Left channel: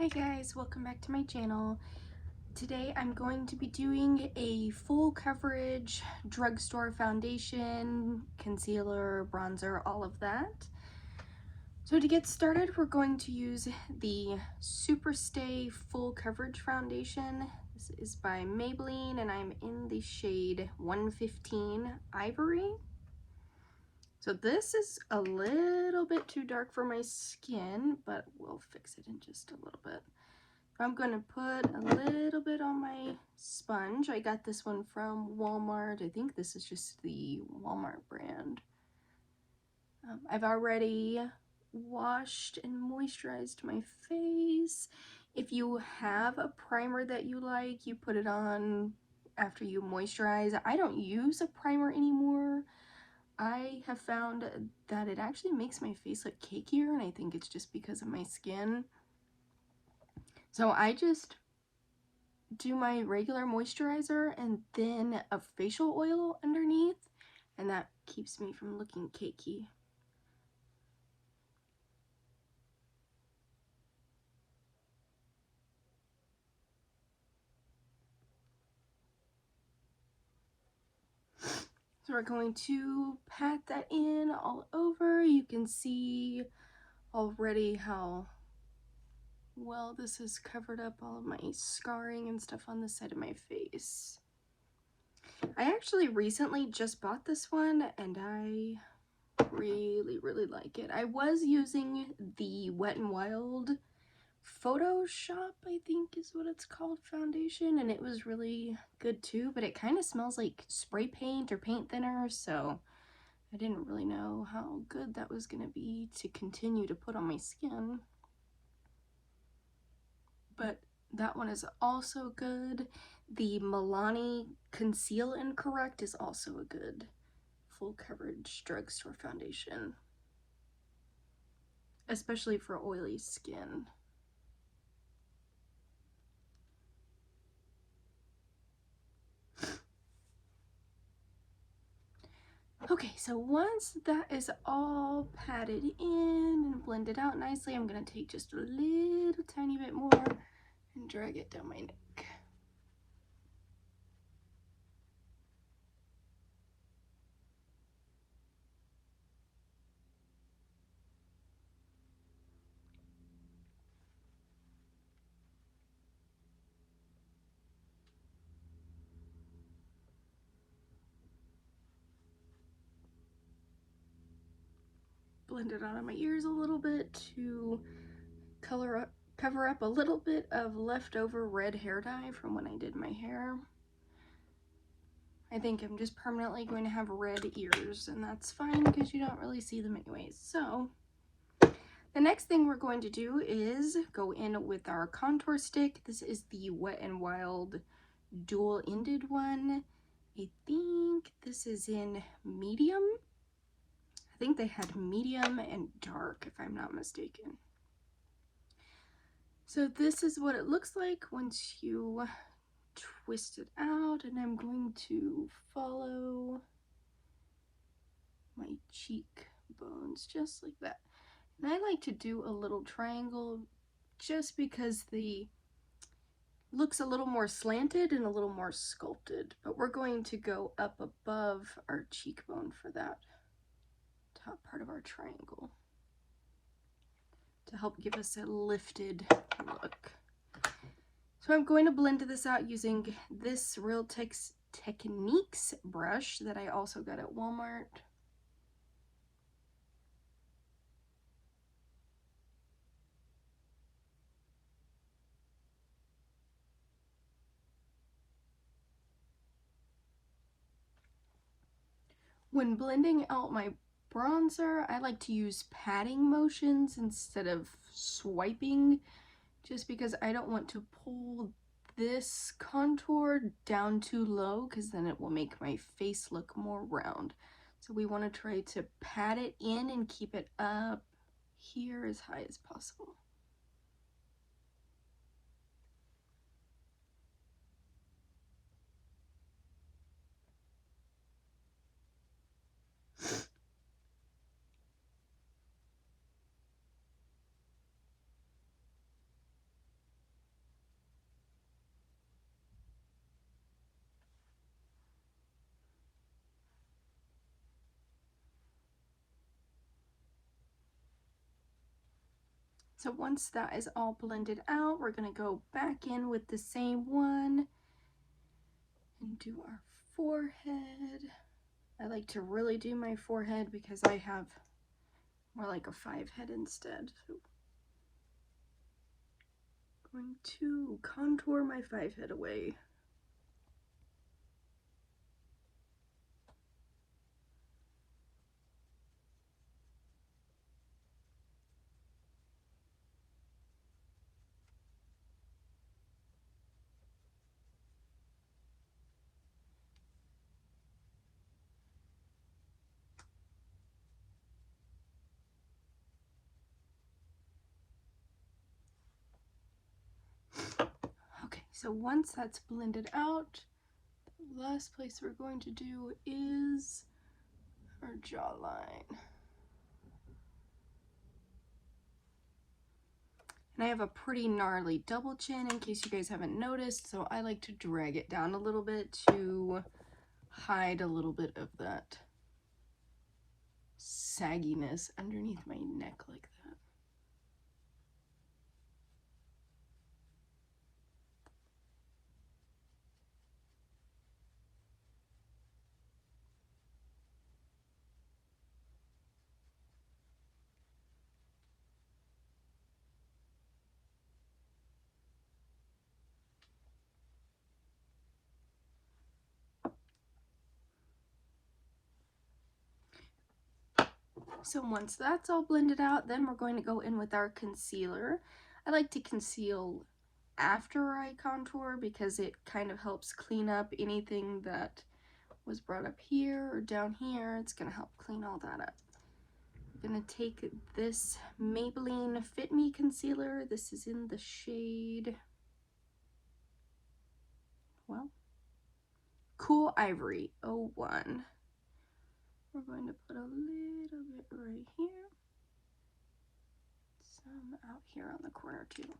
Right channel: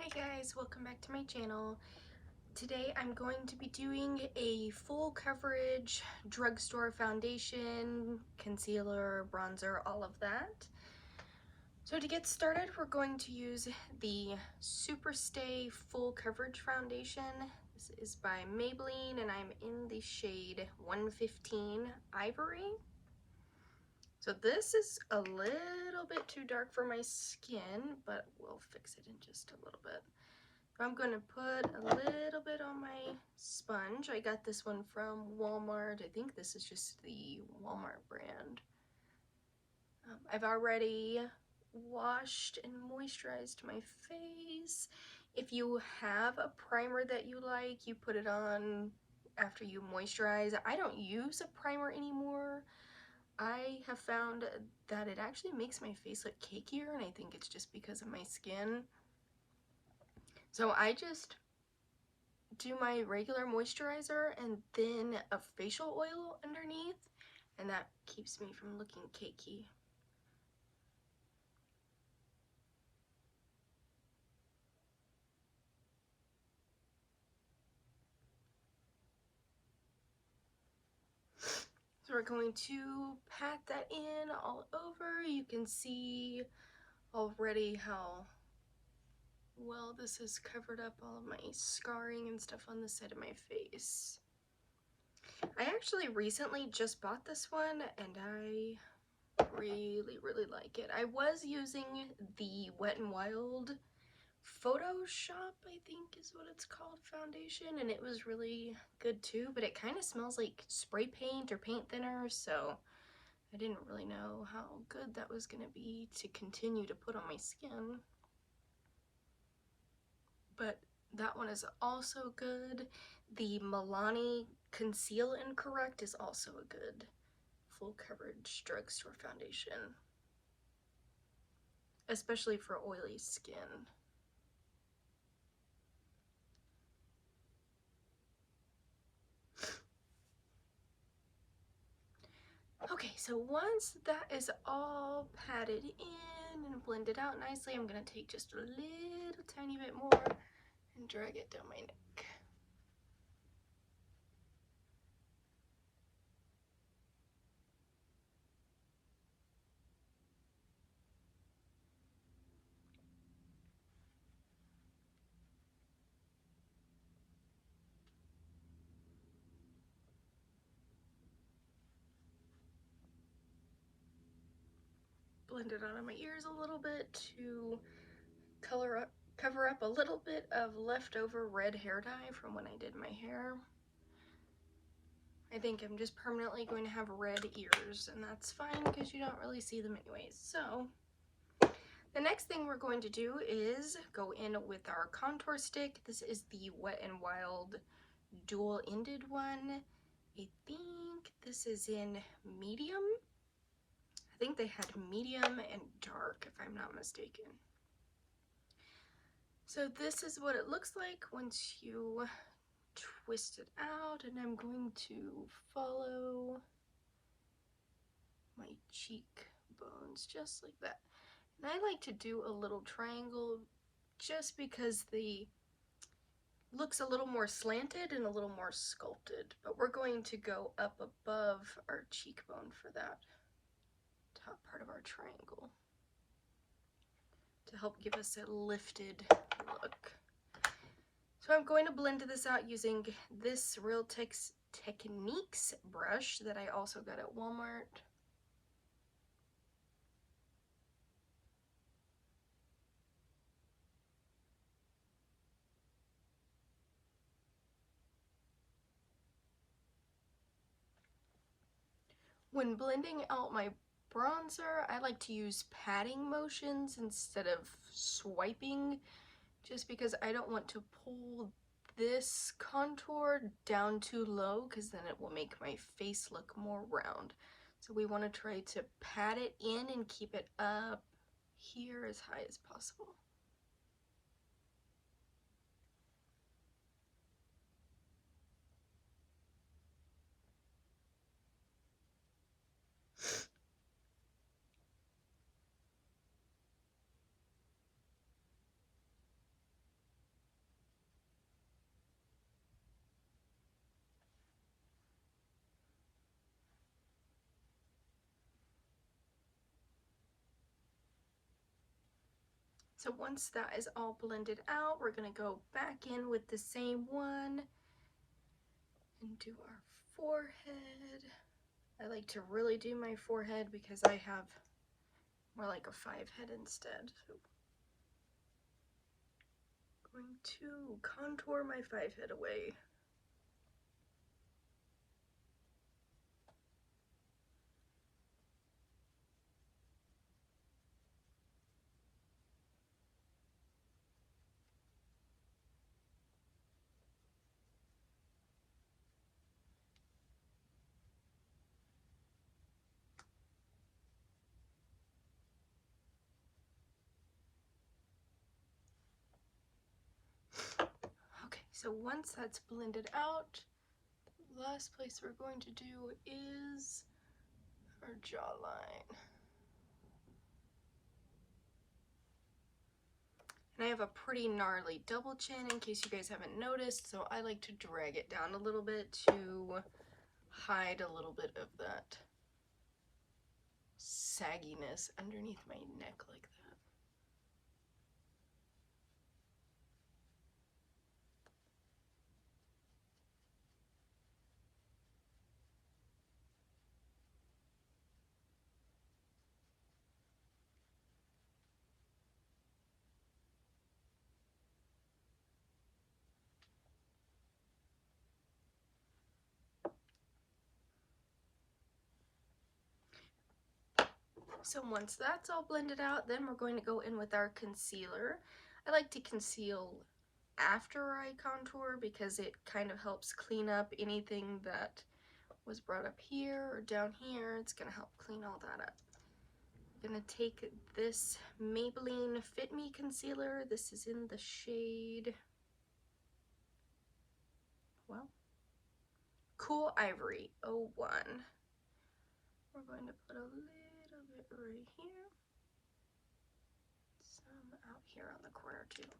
Hey guys, welcome back to my channel. Today I'm going to be doing a full coverage drugstore foundation, concealer, bronzer, all of that. So to get started, we're going to use the Superstay Full Coverage Foundation. This is by Maybelline and I'm in the shade 115 Ivory. So this is a little bit too dark for my skin, but we'll fix it in just a little bit. I'm going to put a little bit on my sponge. I got this one from Walmart. I think this is just the Walmart brand. I've already washed and moisturized my face. If you have a primer that you like, you put it on after you moisturize. I don't use a primer anymore. I have found that it actually makes my face look cakier, and I think it's just because of my skin. So I just do my regular moisturizer and then a facial oil underneath, and that keeps me from looking cakey. So we're going to pat that in all over. You can see already how well this has covered up all of my scarring and stuff on the side of my face. I actually recently just bought this one and I really like it. I was using the Wet n Wild Photoshop, I think is what it's called, foundation, and it was really good too, but it kind of smells like spray paint or paint thinner, so I didn't really know how good that was going to be to continue to put on my skin. But that one is also good. The Milani Conceal and Correct is also a good full coverage drugstore foundation, especially for oily skin. Okay, so once that is all patted in and blended out nicely, I'm going to take just a little tiny bit more and drag it down my neck. Blend it out of my ears a little bit to cover up a little bit of leftover red hair dye from when I did my hair. I think I'm just permanently going to have red ears, and that's fine because you don't really see them anyways. So the next thing we're going to do is go in with our contour stick. This is the Wet n Wild dual-ended one. I think this is in medium. I think they had medium and dark, if I'm not mistaken. So this is what it looks like once you twist it out, and I'm going to follow my cheekbones just like that. And I like to do a little triangle just because the looks a little more slanted and a little more sculpted, but we're going to go up above our cheekbone for that top part of our triangle to help give us a lifted look. So I'm going to blend this out using this Real Techniques brush that I also got at Walmart. When blending out my bronzer, I like to use patting motions instead of swiping, just because I don't want to pull this contour down too low because then it will make my face look more round. So we want to try to pat it in and keep it up here as high as possible. So once that is all blended out, we're going to go back in with the same one and do our forehead. I like to really do my forehead because I have more like a 5 head instead. So I'm going to contour my 5 head away. Okay, so once that's blended out, the last place we're going to do is our jawline. And I have a pretty gnarly double chin in case you guys haven't noticed, so I like to drag it down a little bit to hide a little bit of that sagginess underneath my neck like that. So once that's all blended out, then we're going to go in with our concealer. I like to conceal after I contour because it kind of helps clean up anything that was brought up here or down here. It's going to help clean all that up. I'm going to take this Maybelline Fit Me Concealer. This is in the shade, well, Cool Ivory 01. We're going to put a little bit right here, some out here on the corner too.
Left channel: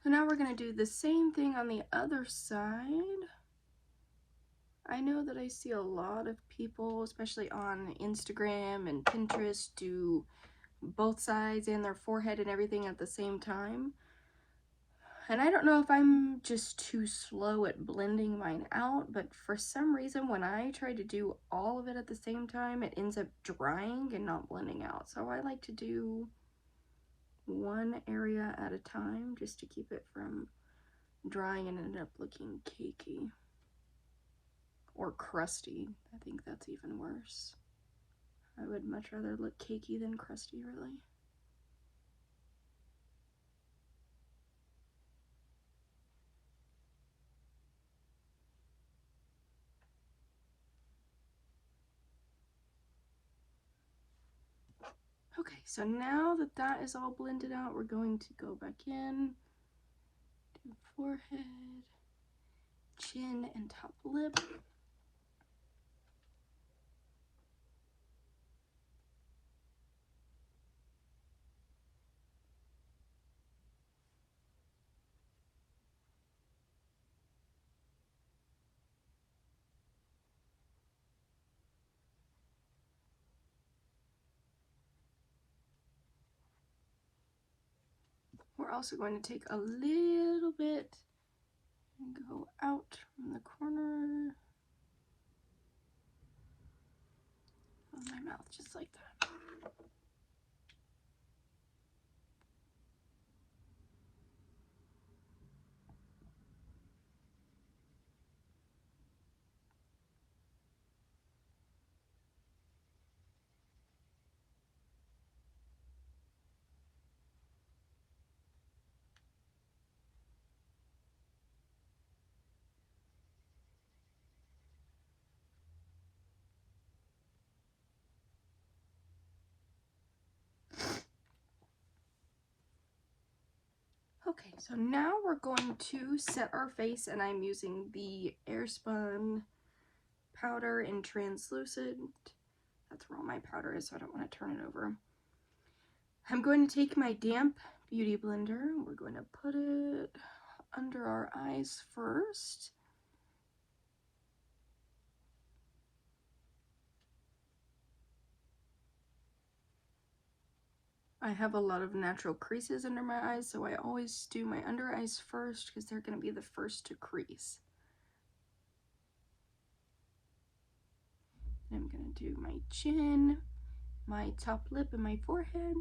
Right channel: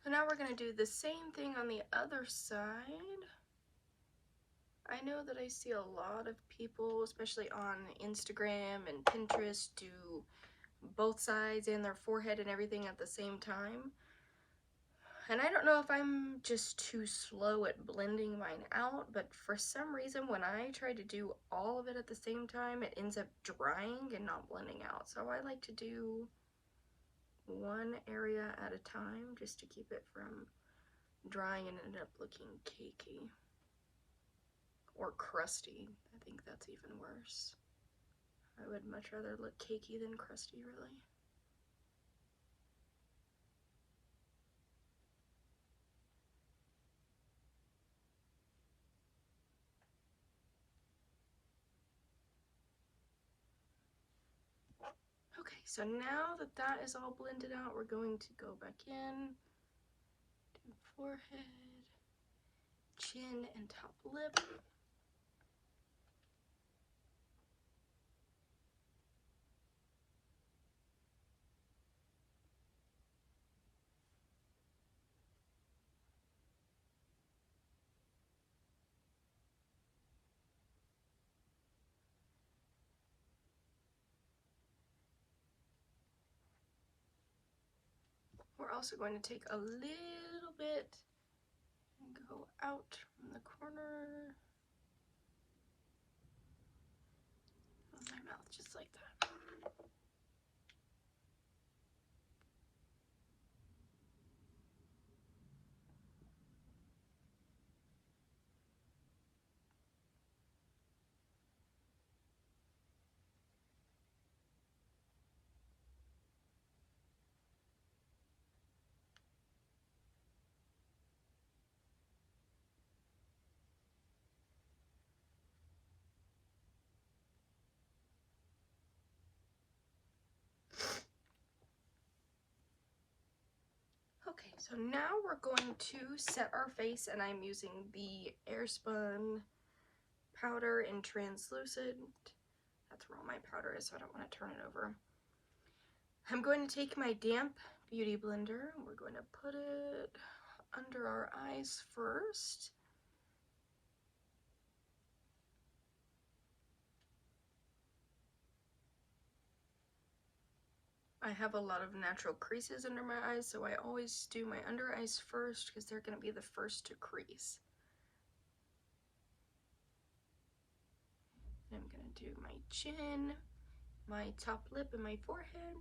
So now we're going to do the same thing on the other side. I know that I see a lot of people, especially on Instagram and Pinterest, do both sides and their forehead and everything at the same time. And I don't know if I'm just too slow at blending mine out, but for some reason when I try to do all of it at the same time, it ends up drying and not blending out. So I like to do one area at a time just to keep it from drying and end up looking cakey or crusty. I think that's even worse. I would much rather look cakey than crusty, really. Okay, so now that that is all blended out, we're going to go back in, do forehead, chin, and top lip. We're also going to take a little bit and go out from the corner of my mouth, just like that. Okay, so now we're going to set our face, and I'm using the Airspun powder in translucent. That's where all my powder is, so I don't want to turn it over. I'm going to take my damp beauty blender. We're going to put it under our eyes first. I have a lot of natural creases under my eyes, so I always do my under eyes first because they're going to be the first to crease. I'm going to do my chin, my top lip, and my forehead.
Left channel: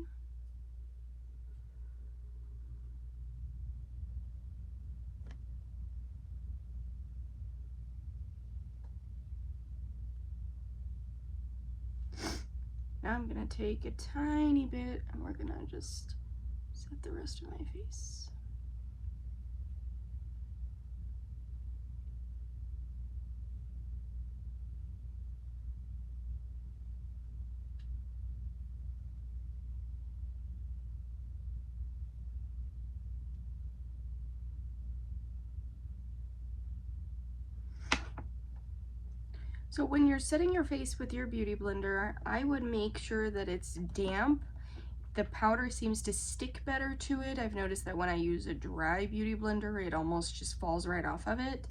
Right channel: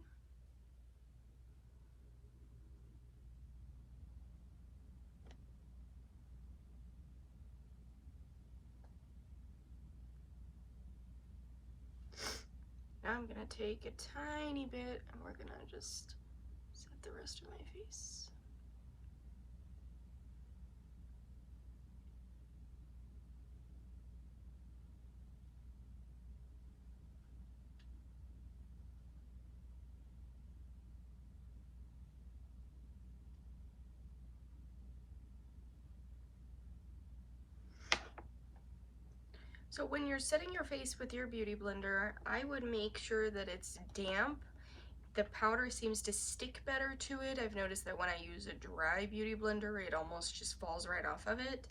Now I'm going to take a tiny bit and we're going to just set the rest of my face. So when you're setting your face with your beauty blender, I would make sure that it's damp. The powder seems to stick better to it. I've noticed that when I use a dry beauty blender, it almost just falls right off of it.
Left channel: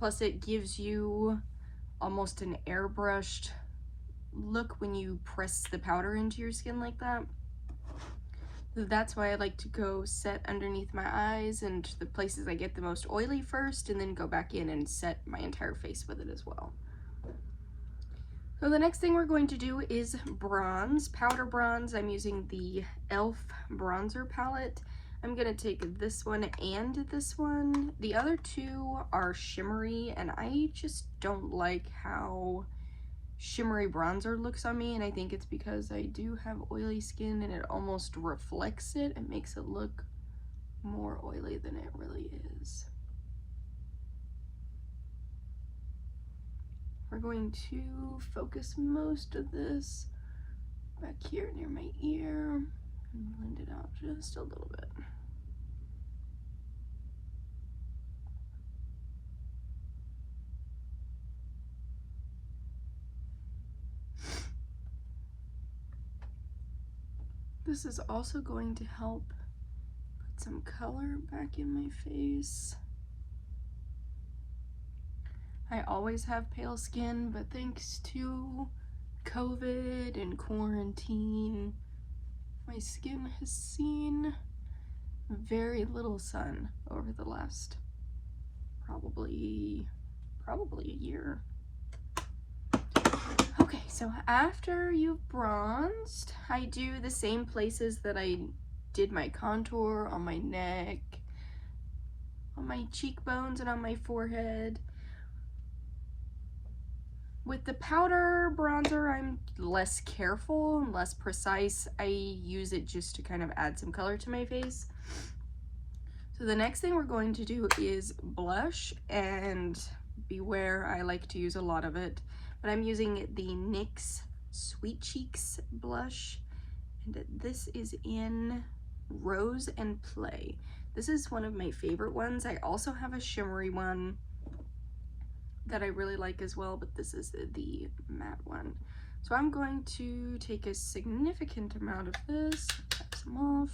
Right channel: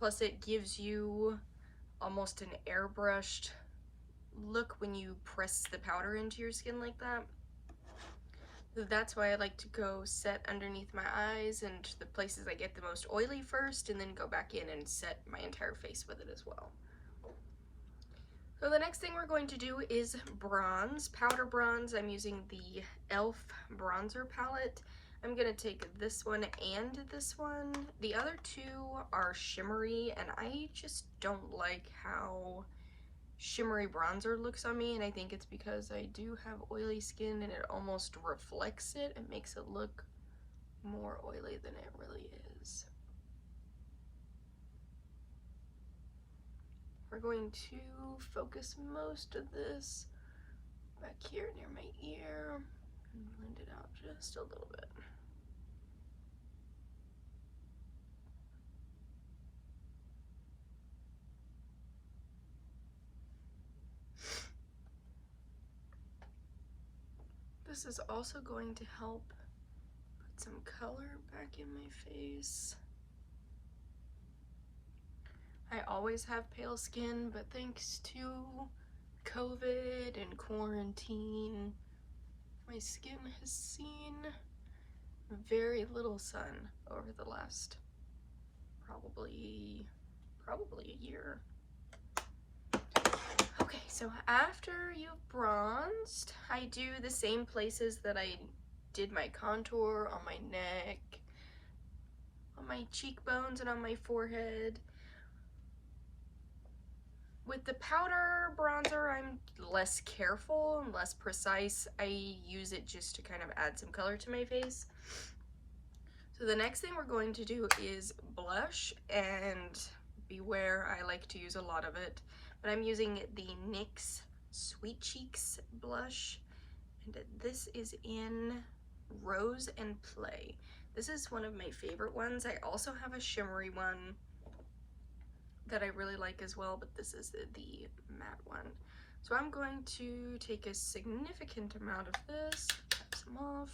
Plus it gives you almost an airbrushed look when you press the powder into your skin like that. So that's why I like to go set underneath my eyes and the places I get the most oily first, and then go back in and set my entire face with it as well. So the next thing we're going to do is bronze, powder bronze. I'm using the e.l.f. bronzer palette. I'm gonna take this one and this one. The other two are shimmery, and I just don't like how shimmery bronzer looks on me, and I think it's because I do have oily skin and it almost reflects it. It makes it look more oily than it really is. We're going to focus most of this back here near my ear and blend it out just a little bit. This is also going to help put some color back in my face. I always have pale skin, but thanks to COVID and quarantine, my skin has seen very little sun over the last probably a year. Okay, so after you've bronzed, I do the same places that I did my contour, on my neck, on my cheekbones, and on my forehead. With the powder bronzer, I'm less careful and less precise. I use it just to kind of add some color to my face. So the next thing we're going to do is blush, and beware, I like to use a lot of it, but I'm using the NYX Sweet Cheeks blush, and this is in Rose and Play. This is one of my favorite ones. I also have a shimmery one that I really like as well, but this is the matte one. So I'm going to take a significant amount of this, cut some off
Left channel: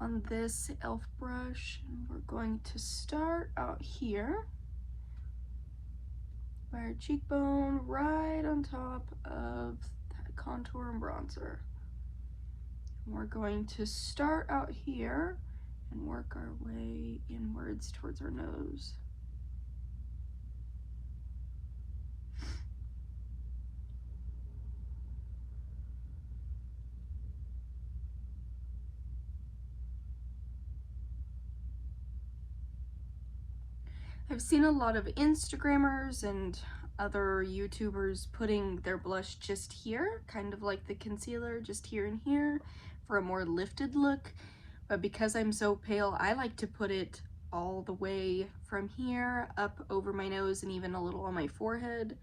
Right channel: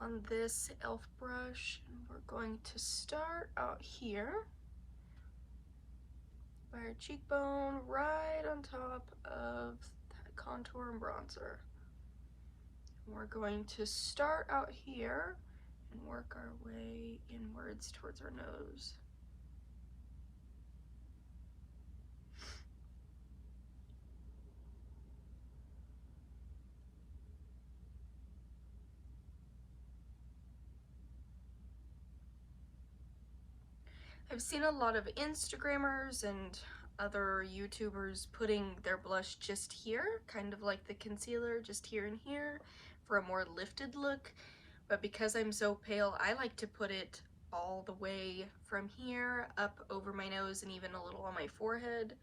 on this e.l.f. brush, and we're going to start out here by our cheekbone, right on top of that contour and bronzer. And we're going to start out here and work our way inwards towards our nose. I've seen a lot of Instagrammers and other YouTubers putting their blush just here, kind of like the concealer, just here and here, for a more lifted look. But because I'm so pale, I like to put it all the way from here up over my nose and even a little on my forehead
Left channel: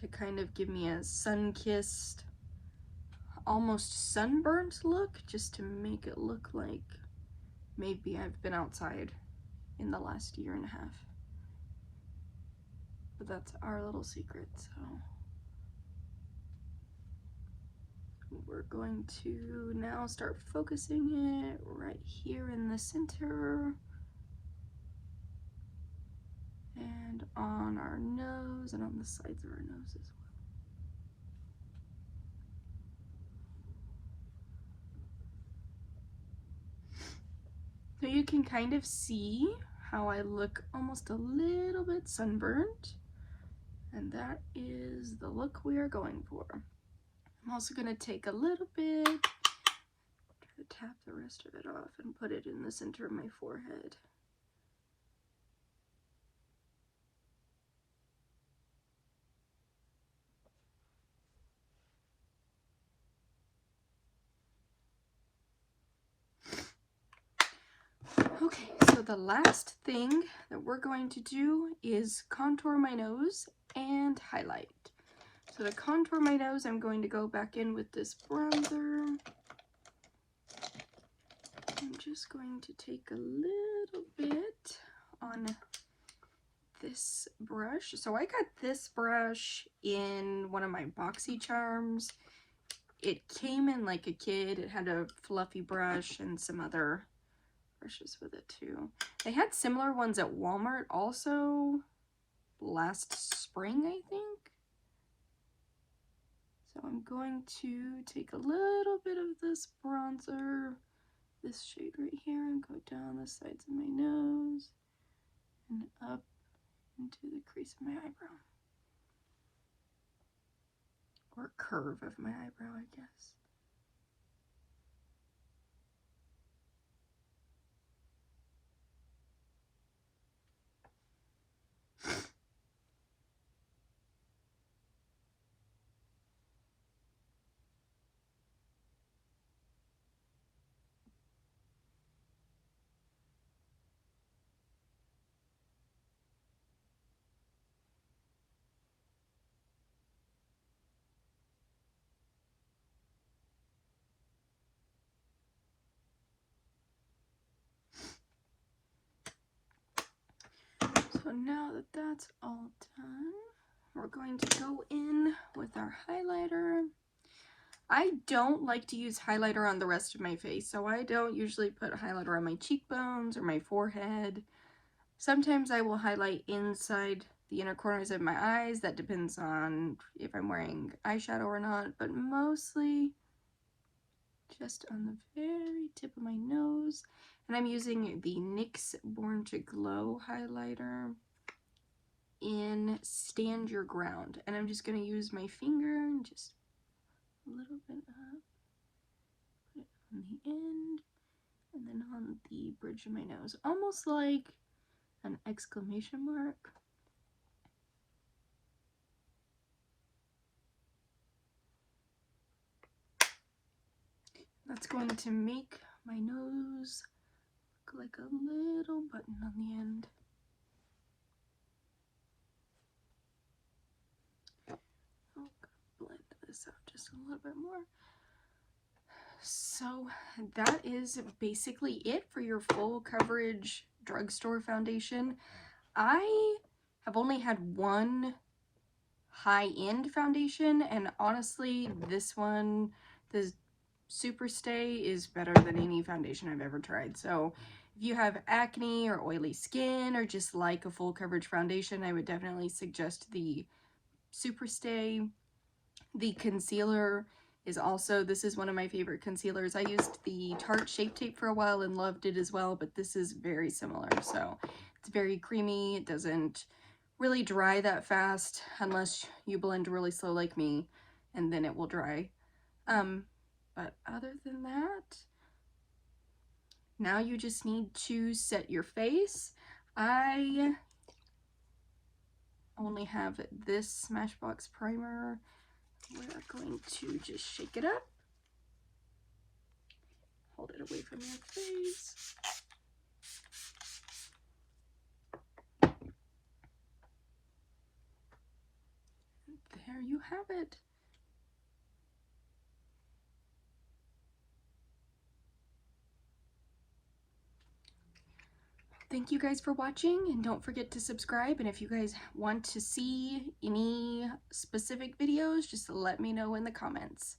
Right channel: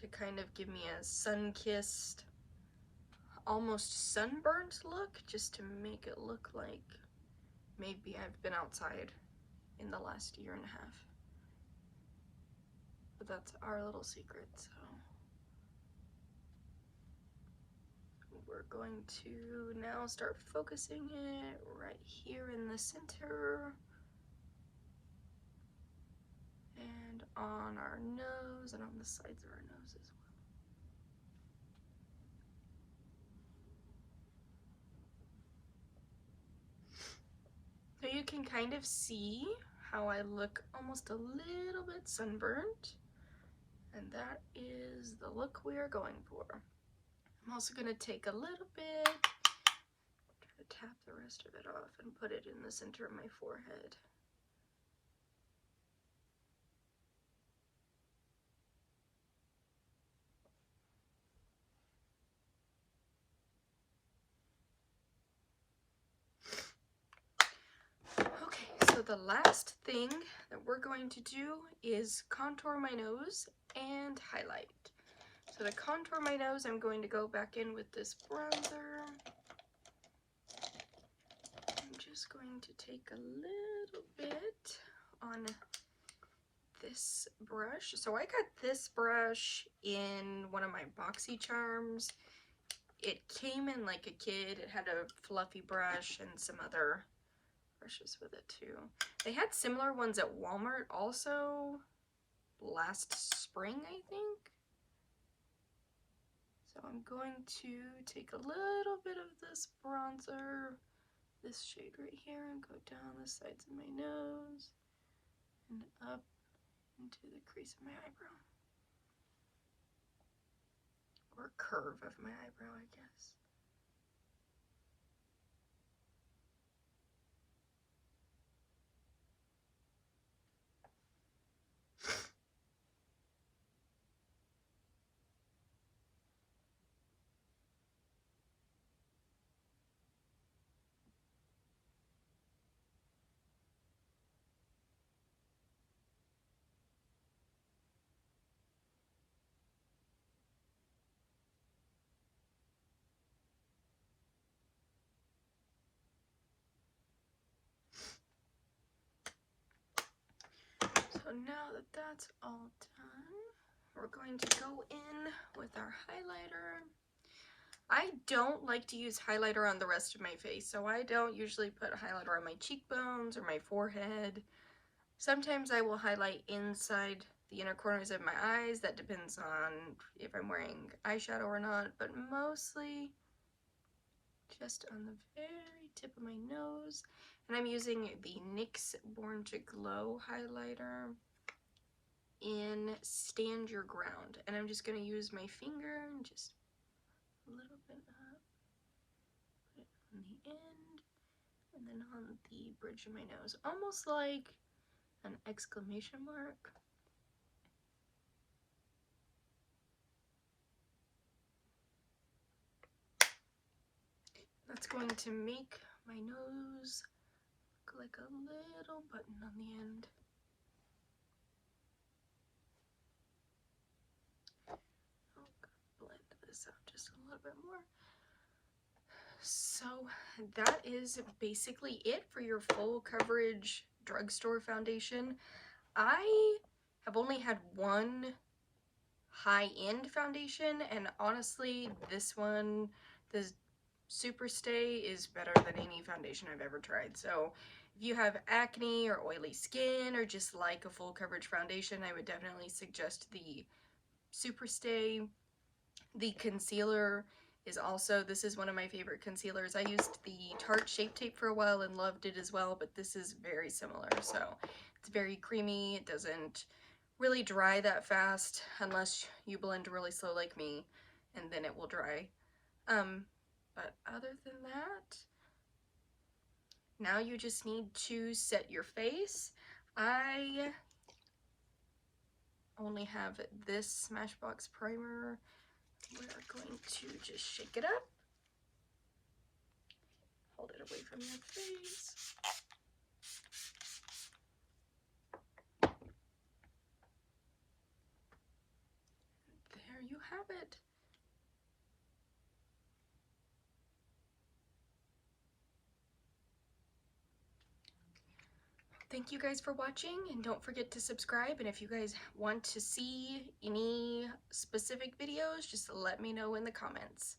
to kind of give me a sun-kissed, almost sunburnt look, just to make it look like maybe I've been outside in the last year and a half. But that's our little secret, so we're going to now start focusing it right here in the center and on our nose and on the sides of our nose as well. So you can kind of see how I look almost a little bit sunburnt, and that is the look we are going for. I'm also going to take a little bit, try to tap the rest of it off and put it in the center of my forehead. Okay, so the last thing that we're going to do is contour my nose and highlight. So to contour my nose, I'm going to go back in with this bronzer. I'm just going to take a little bit on this brush. So I got this brush in one of my boxy charms. It came in like a kit. It had a fluffy brush and some other brushes with it too. They had similar ones at Walmart also last spring, I think. So I'm going to take a little bit of this bronzer, this shade right here, and go down the sides of my nose and up into the crease of my eyebrow. Or curve of my eyebrow, I guess. So now that that's all done, we're going to go in with our highlighter. I don't like to use highlighter on the rest of my face, so I don't usually put highlighter on my cheekbones or my forehead. Sometimes I will highlight inside the inner corners of my eyes. That depends on if I'm wearing eyeshadow or not, but mostly just on the very tip of my nose. And I'm using the NYX Born to Glow highlighter in Stand Your Ground. And I'm just going to use my finger and just a little bit up, put it on the end, and then on the bridge of my nose. Almost like an exclamation mark. That's going to make my nose look like a little button on the end. Oh, blend this out just a little bit more. So that is basically it for your full coverage drugstore foundation. I have only had one high-end foundation, and honestly, this one, the Super Stay, is better than any foundation I've ever tried. So if you have acne or oily skin or just like a full coverage foundation, I would definitely suggest the Super Stay. The concealer is also, this is one of my favorite concealers. I used the Tarte Shape Tape for a while and loved it as well, but this is very similar. So it's very creamy. It doesn't really dry that fast unless you blend really slow like me, and then it will dry. But other than that, now you just need to set your face. I only have this Smashbox primer. We're going to just shake it up. Hold it away from your face. And there you have it. Thank you guys for watching, and don't forget to subscribe. And if you guys want to see any specific videos, just let me know in the comments.